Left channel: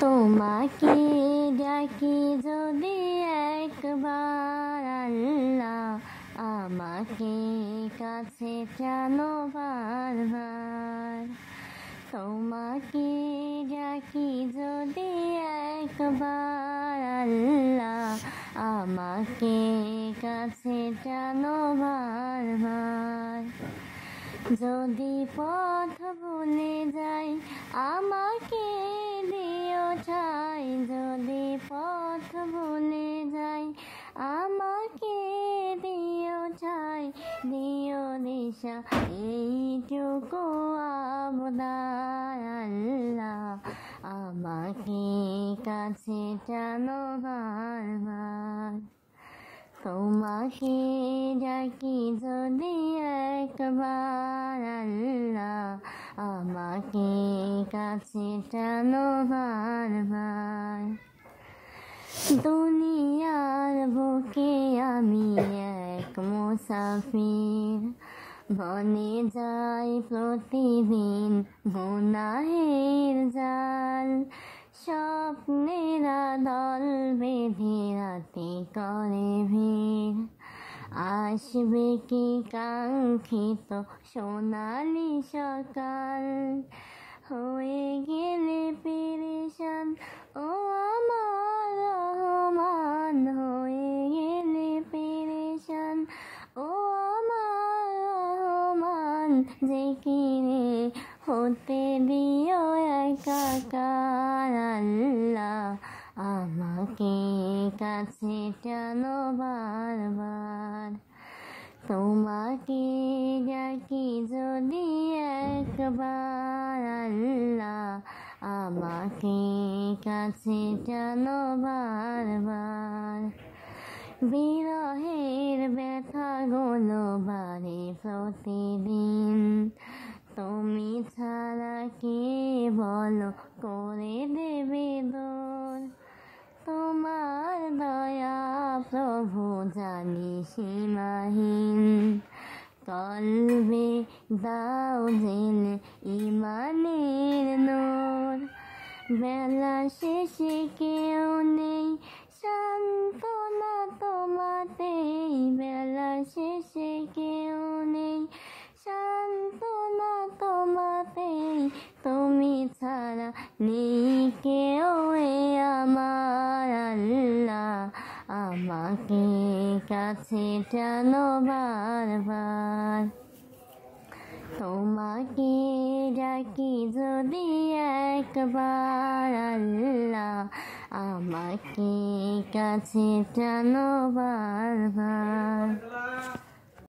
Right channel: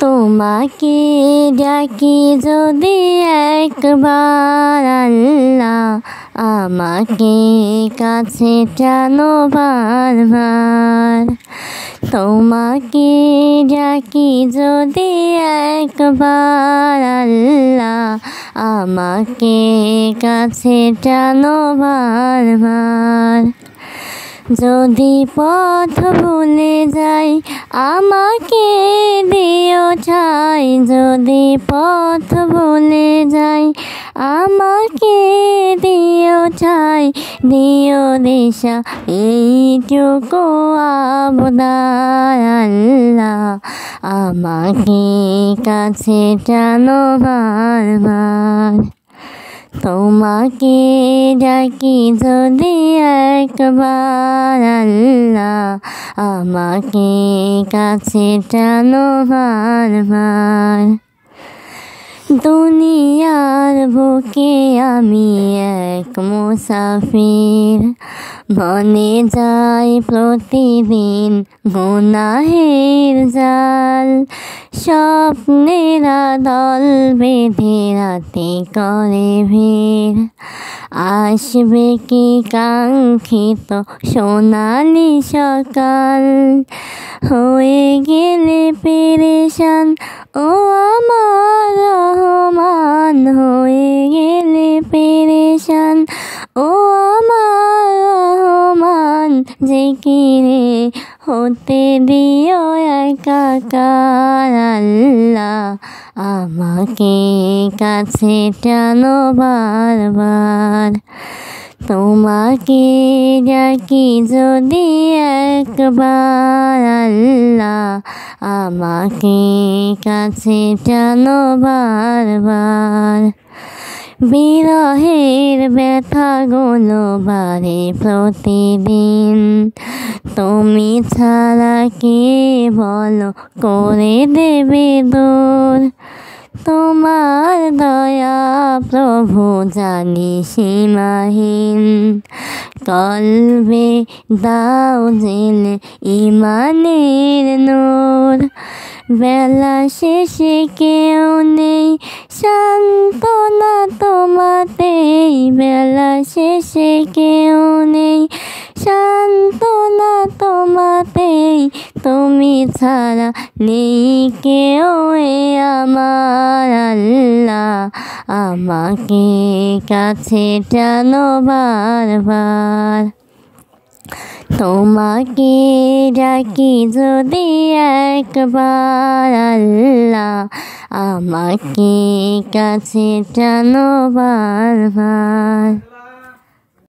তোমাকে ডাকি যদি একবার আল্লাহ, আমাকে কাছে টানো বারবার। তোমাকে ডাকি যদি একবার আল্লাহ, আমাকে কাছে টানো বারবার। যদি পথ ভুলে যাই আমাকে দিও ঠাই, যদি পথ ভুলে যাই আমাকে দিও ঠাই, দিও দিশা এইটুকু আবদার আল্লাহ, আমাকে কাছে টানো বারবার। তোমাকে ডাকি যদি একবার আল্লাহ, আমাকে কাছে টানো বারবার। দুনিয়ার বুকে আমি এক মুসাফির, বনে যাই প্রতিদিন গুনাহের জাল। স্বপ্নেরা দল বেঁধে রাতে করে ভিড়, আসবে কি কাঙ্ক্ষিত সোনালি সকাল। হয়ে গেলে পেরেশান ও আমার রহমান, হয়ে গেলে পেরেশান ও আমার রহমান। জিকিরে হতে দিও একাকার আল্লাহ, আমাকে কাছে টানো বারবার। তোমাকে ডাকি যদি একবার আল্লাহ, আমাকে কাছে টানো বারবার। বিরহের ব্যথাগুলো বাড়ে প্রতিদিন, তুমি ছাড়া কে বলো করে দেবে দূর। তোমার দয়া প্রভু জানি সীমাহীন, কলবে দাও জেলে ইমানের নূর। বেলা শেষে কেউ নেই সান্ত্বনা তোমাতেই, বেলা শেষে কেউ নেই সান্ত্বনা তোমাতেই। তুমি ছাড়া নেই কেউ এ আমার আল্লাহ, আমাকে কাছে টানো বারবার। তোমাকে ডাকি যদি একবার আল্লাহ, আমাকে কাছে টানো বারবার।